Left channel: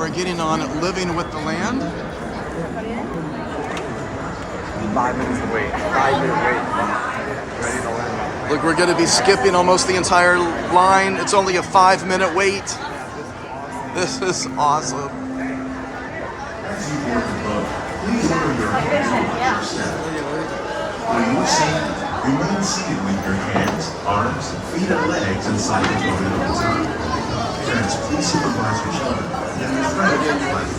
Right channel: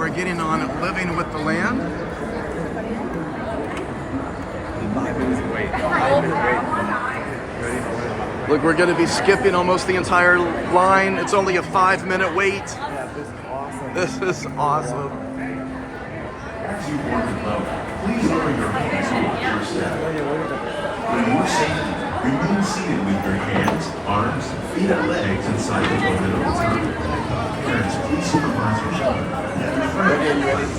We're getting on Living with the Land. Look, we're going to be skipping almost the entire line. It's only a 5-minute wait. This is awesome. As you board the boat, please lower your hands to your step. For your safety, remain seated with your hands, arms, feet, and legs inside the boat at all times. Parents, please supervise your children and refrain from playing.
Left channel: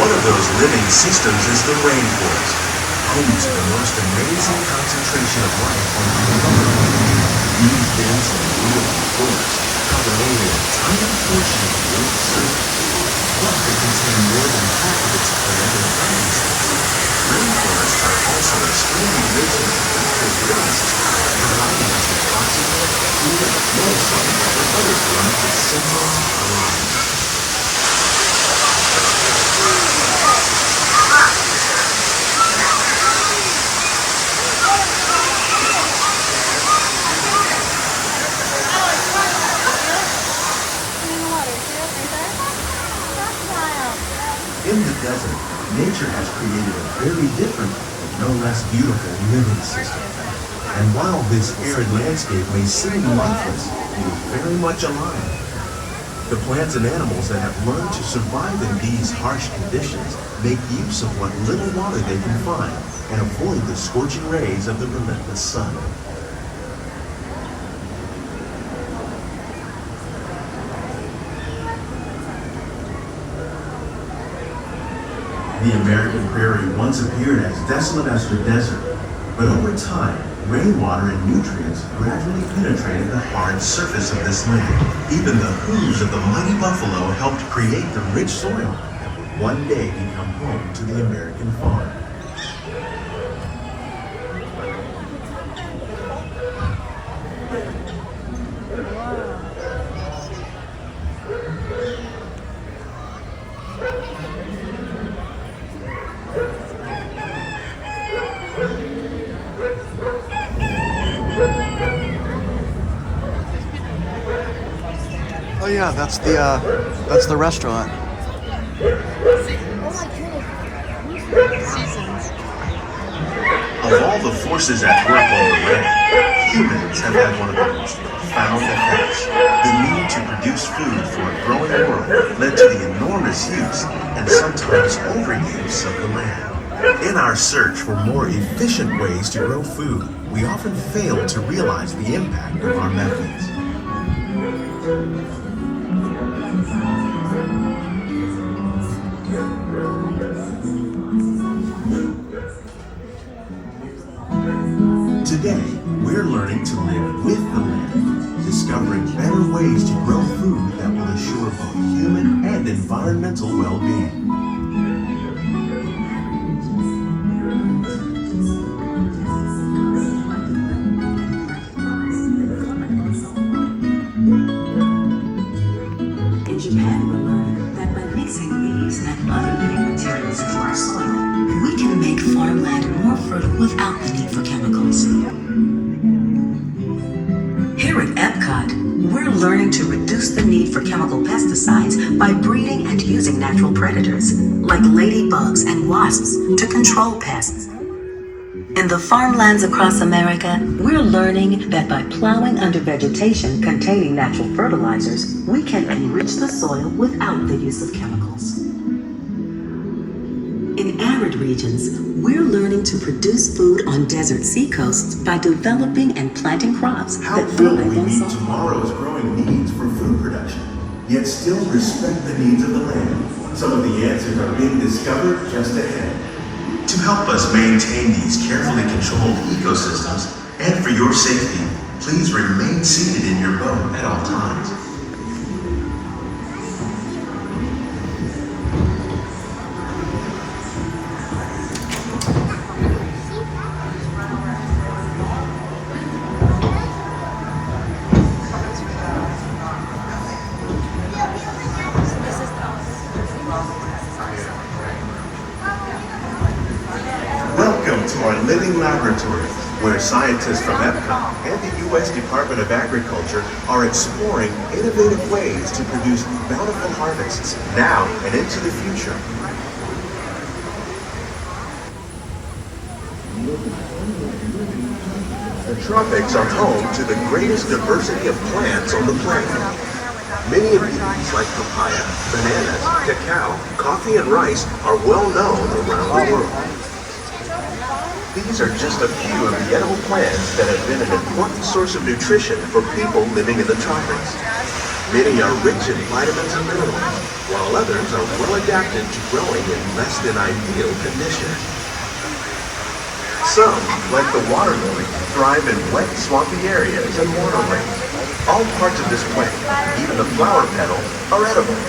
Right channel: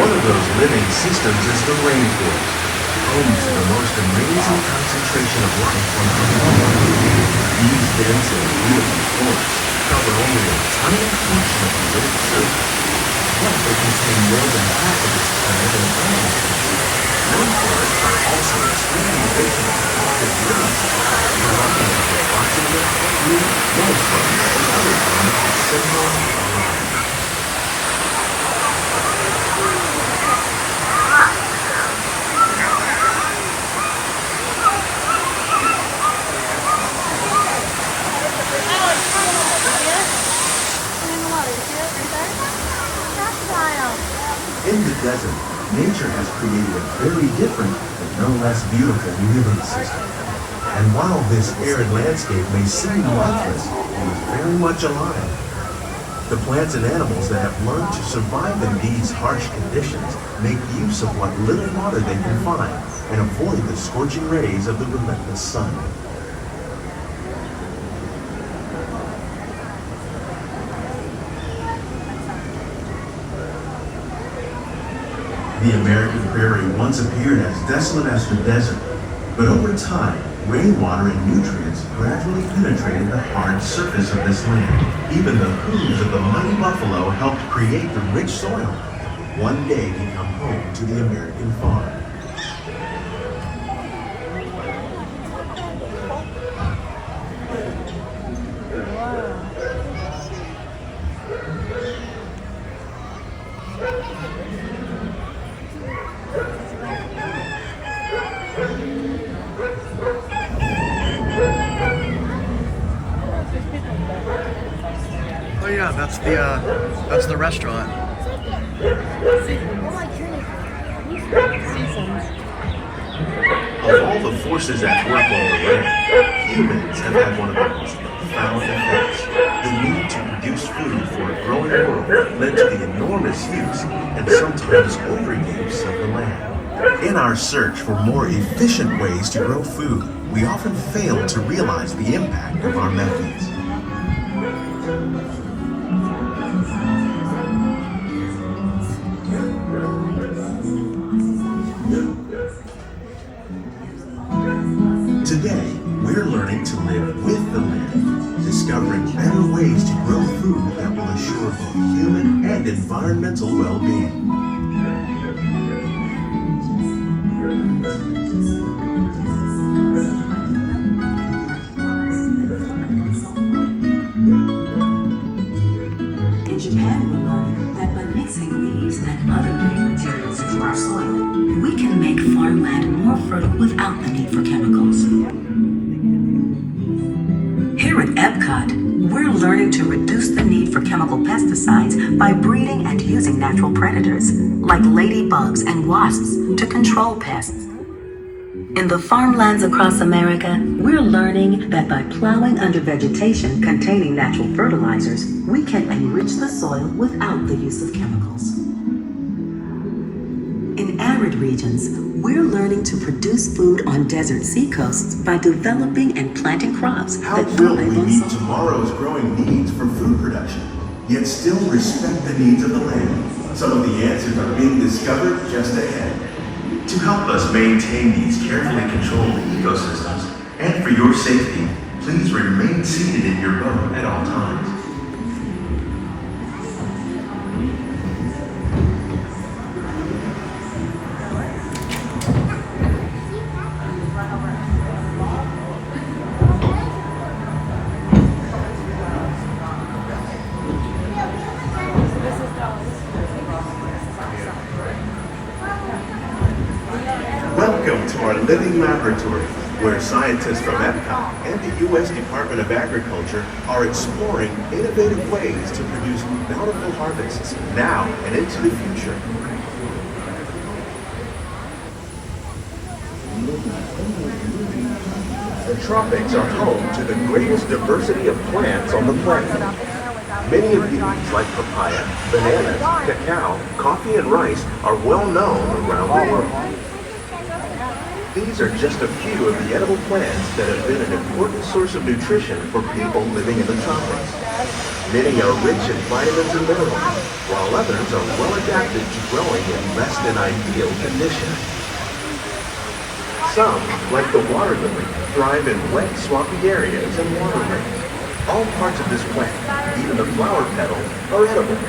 One of those living systems is the rainforest, home to the most amazing concentration of life on the planet. These dense and beautiful forests cover only a tiny portion of the Earth's surface, but they contain more than half of its planet and atmosphere. Rainforests are also extremely rich in active living systems, providing us with oxygen, food, medicine, and other forms of essential life. In the desert, nature has created a very different, but no less beautiful living system. And while this arid landscape may seem lifeless, it is very much alive. The plants and animals that have learned to survive in these harsh conditions make use of what little water they can find and avoid the scorching rays of the relentless sun. The American prairie once appeared as desolate as the desert, but over time, rainwater and nutrients gradually penetrated the hard surface of this land. Even the hooves of the mighty buffalo helped create the rich soil that would one day become home to the American farm. Oh yeah, that's the restaurant. Of all the forces at work on the land, humans have had one of the most profound effects. The need to produce food for a growing world led to the enormous use and sometimes overuse of the land. In our search for more efficient ways to grow food, we often fail to realize the impact of our methods. Today, we're learning to live with the land, discovering better ways to grow food that will assure both human and environmental well-being. In Japan, we learned that by mixing leaves and other living materials into our soil, we can make farmland more fertile without the need for chemicals. Here at Epcot, we're learning to reduce the need for chemical pesticides by breeding and using natural predators, like ladybugs and wasps, to control pests. In the farmlands across America, we're learning that by plowing under vegetation containing natural fertilizers, we can enrich the soil without the use of chemicals. In arid regions, we're learning to produce food on desert seacoasts by developing and planting crops How that will thrive we on meet soil. tomorrow's growing needs for food production, yet still respect the needs of the land? Some of the answers are being discovered just ahead. To help us maintain these carefully controlled ecosystems, and for your safety, please remain seated in your boat at all times. Welcome to our living laboratory, where scientists from Epcot and the U.S. Department of Agriculture are exploring innovative ways to produce bountiful harvests now and into the future. The tropics are home to the greatest diversity of plants on the planet. Many of these, like papaya, bananas, cacao, coffee, and rice, are well known around the world. These are just a few of the edible plants that have been an important source of nutrition for people living in the tropics. Many are rich in vitamins and minerals, while others are well adapted to growing in less than ideal conditions. Some, like the water lily, thrive in wet, swampy areas and water rain. All parts of this plant, even the flower petals, are edible.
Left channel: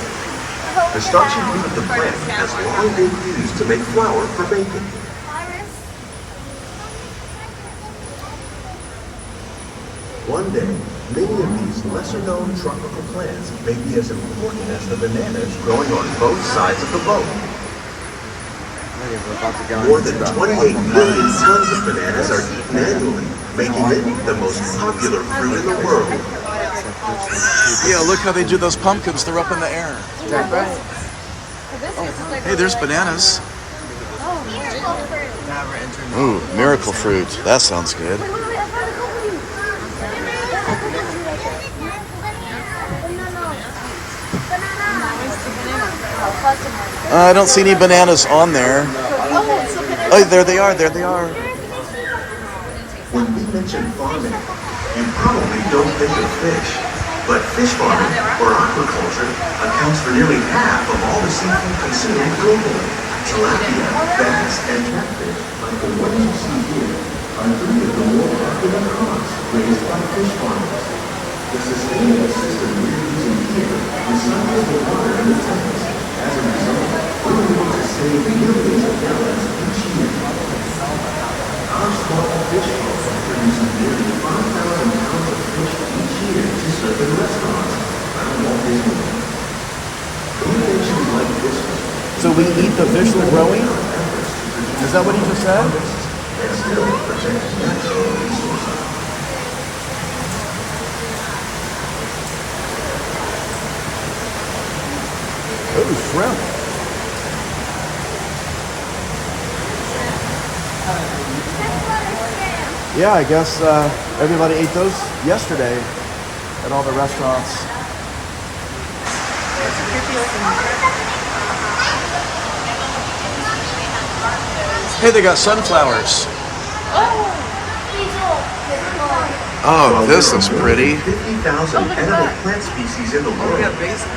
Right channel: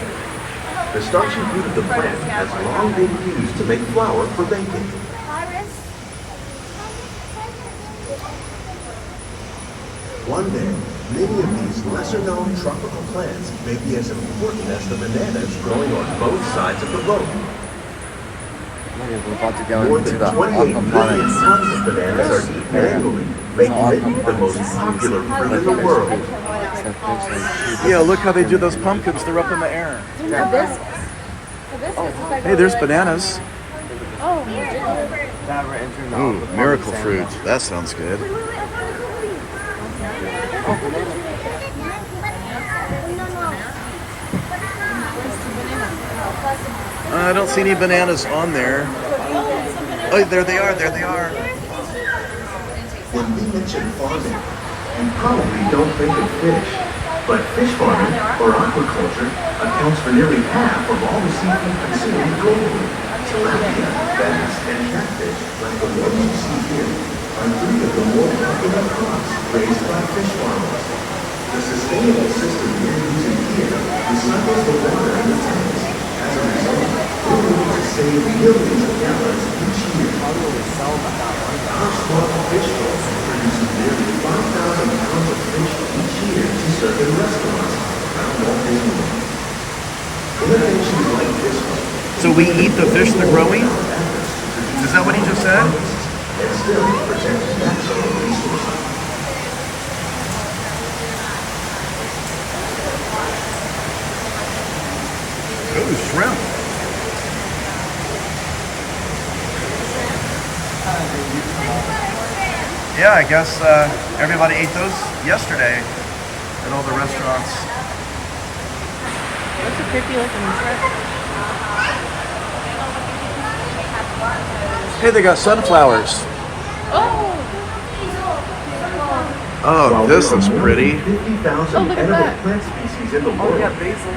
The starchy root of the plant has long been used to make flour for baking. One day, many of these lesser-known tropical plants may be as important as the bananas growing on both sides of the boat. More than 28 billion tons of bananas are eaten annually, making it the most popular fruit in the world. Yeah, look how they do those pumpkins. They're up in the air. Hey, there's bananas. Ooh, miracle fruit. That sounds good. I don't see any bananas on there. Oh, there they are. There they are. When we mention farming, you probably don't think of fish. But fish farming, or aquaculture, accounts for nearly half of all the seafood consumed globally. Tilapia, bass, and catfish, like the ones you see here, are three of the more popular crops raised by fish farmers. The sustainable system we're using here recycles the water in the tanks. As a result, we're able to save millions of gallons each year. Our small fish farm produces nearly 5,000 pounds of fish each year to serve in restaurants around Walt Disney World. Innovation like this one. So we eat the fish they're growing? Is that what he just said? And still protect natural resources. Oh, shrimp. Yeah, I guess everybody ate those yesterday at all the restaurants. Hey, they got sunflowers. Oh, this is pretty. 50,000 edible plant species in the world.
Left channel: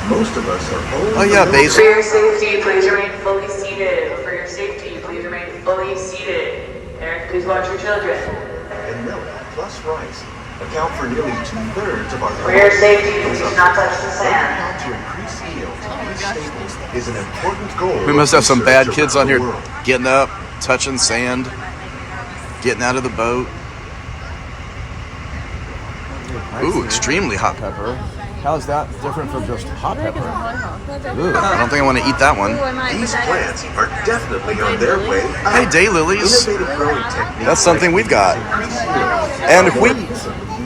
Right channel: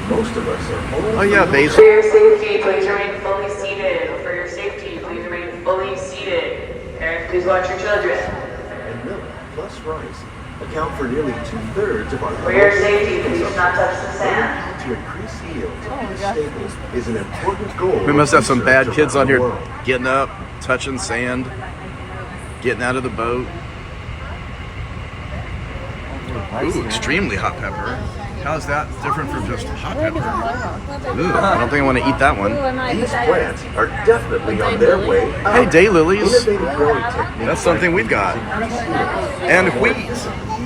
Most of us are old. Oh yeah, For basil. your safety, please remain fully seated. For your safety, please remain fully seated. Eric, please watch your children. And millet plus rice account for nearly 2/3 of our For your safety, please do not touch the Learning sand. how to increase yields is an important goal. We must have some of bad research kids on around the here world. getting up, touching sand, getting out of the boat. Ooh, extremely hot pepper. How is that different from just hot pepper? Ooh, I don't think I want to eat that one. These plants are definitely on their way. Hey, daylilies. Innovative growing techniques That's something we've got. increase yield, And wheat.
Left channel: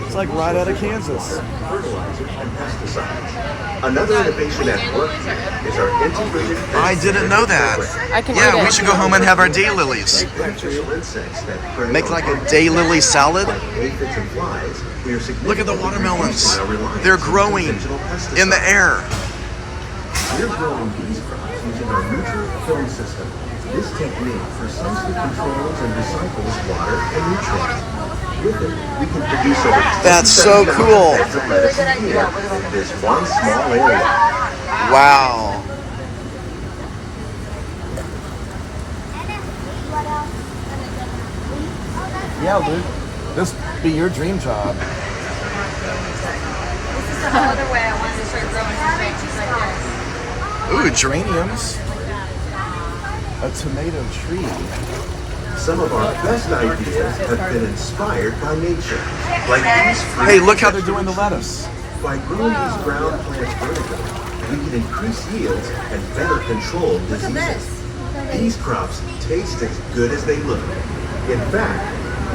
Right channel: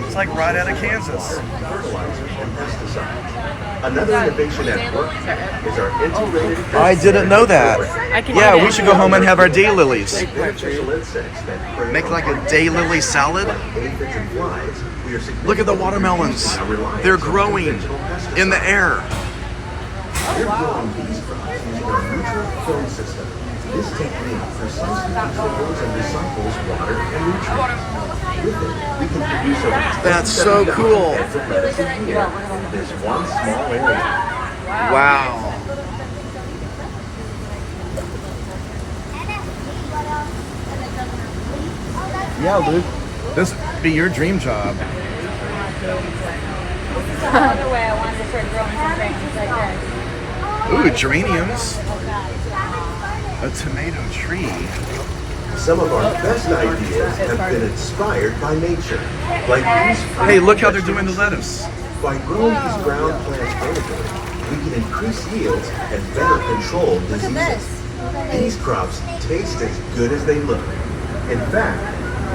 It's like right out of Kansas. fertilizers and pesticides. Another innovation at work is our integrated. I didn't know that. Yeah, we should go home and have our daylilies. Beneficial insects that prey Make on like a daylily salad. aphids and flies. We are Look at the watermelons. They're growing in the air. We're growing these crops using our neutral film system. This technique precisely controls and recycles water and nutrients. With it, we can produce over That's so 27 cool. beds of lettuce a year in this one small area. Wow. Yeah, Luke. This be your dream job. Another way I want to start growing some things like this. Ooh, geraniums. A tomato tree. Some of our best ideas have been inspired by nature. Like these fruit Hey, look how they're doing the lettuce. By growing these ground plants vertically, we can increase yields and better control diseases. These crops taste as good as they look. In fact,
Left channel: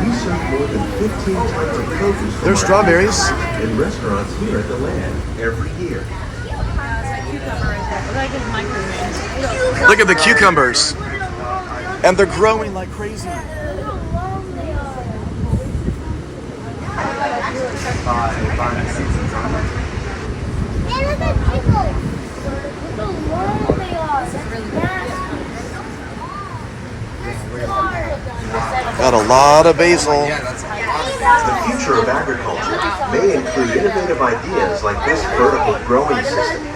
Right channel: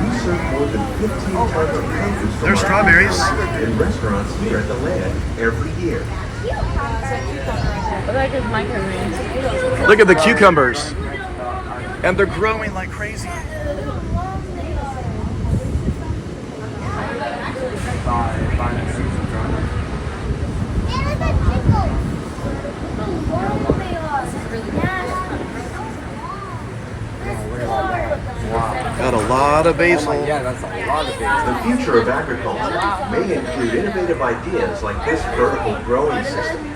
we serve more than 15 types of produce There's strawberries. in restaurants here at the land every year. What the heck is microgreens? Look at the cucumbers. And they're growing like crazy. Got a lot of basil. The future of agriculture may include innovative ideas like this vertical growing system.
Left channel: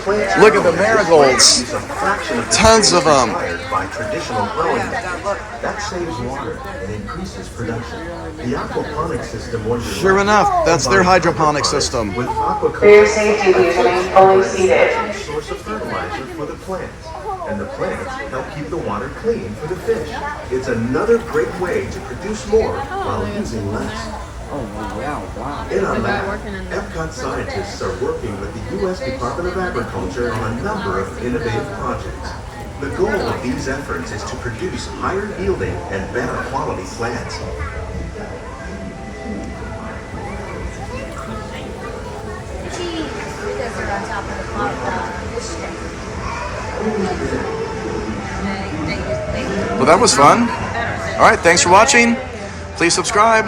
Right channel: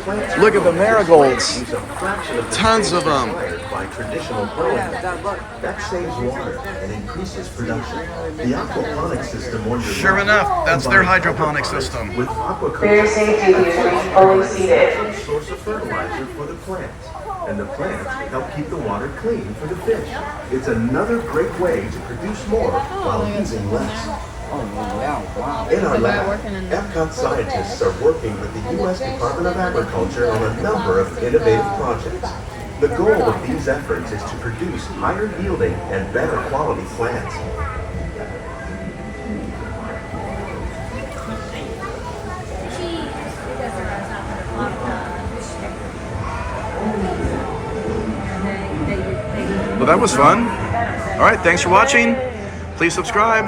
Plants Look at the marigolds. use a fraction of the Tons of space 'em. required by traditional growing methods. That saves water and increases production. The aquaponic system was Sure enough, that's their hydroponic system. with For aquaculture. your safety, please remain fully seated. Source of fertilizer for the plants, and the plants help keep the water clean for the fish. It's another great way to produce more while using less. In our lab, Epcot scientists are working with the U.S. Department of Agriculture on a number of innovative projects. The goal of these efforts is to produce higher yielding and better quality plants. Well, that was fun. All right, thanks for watching. Please subscribe.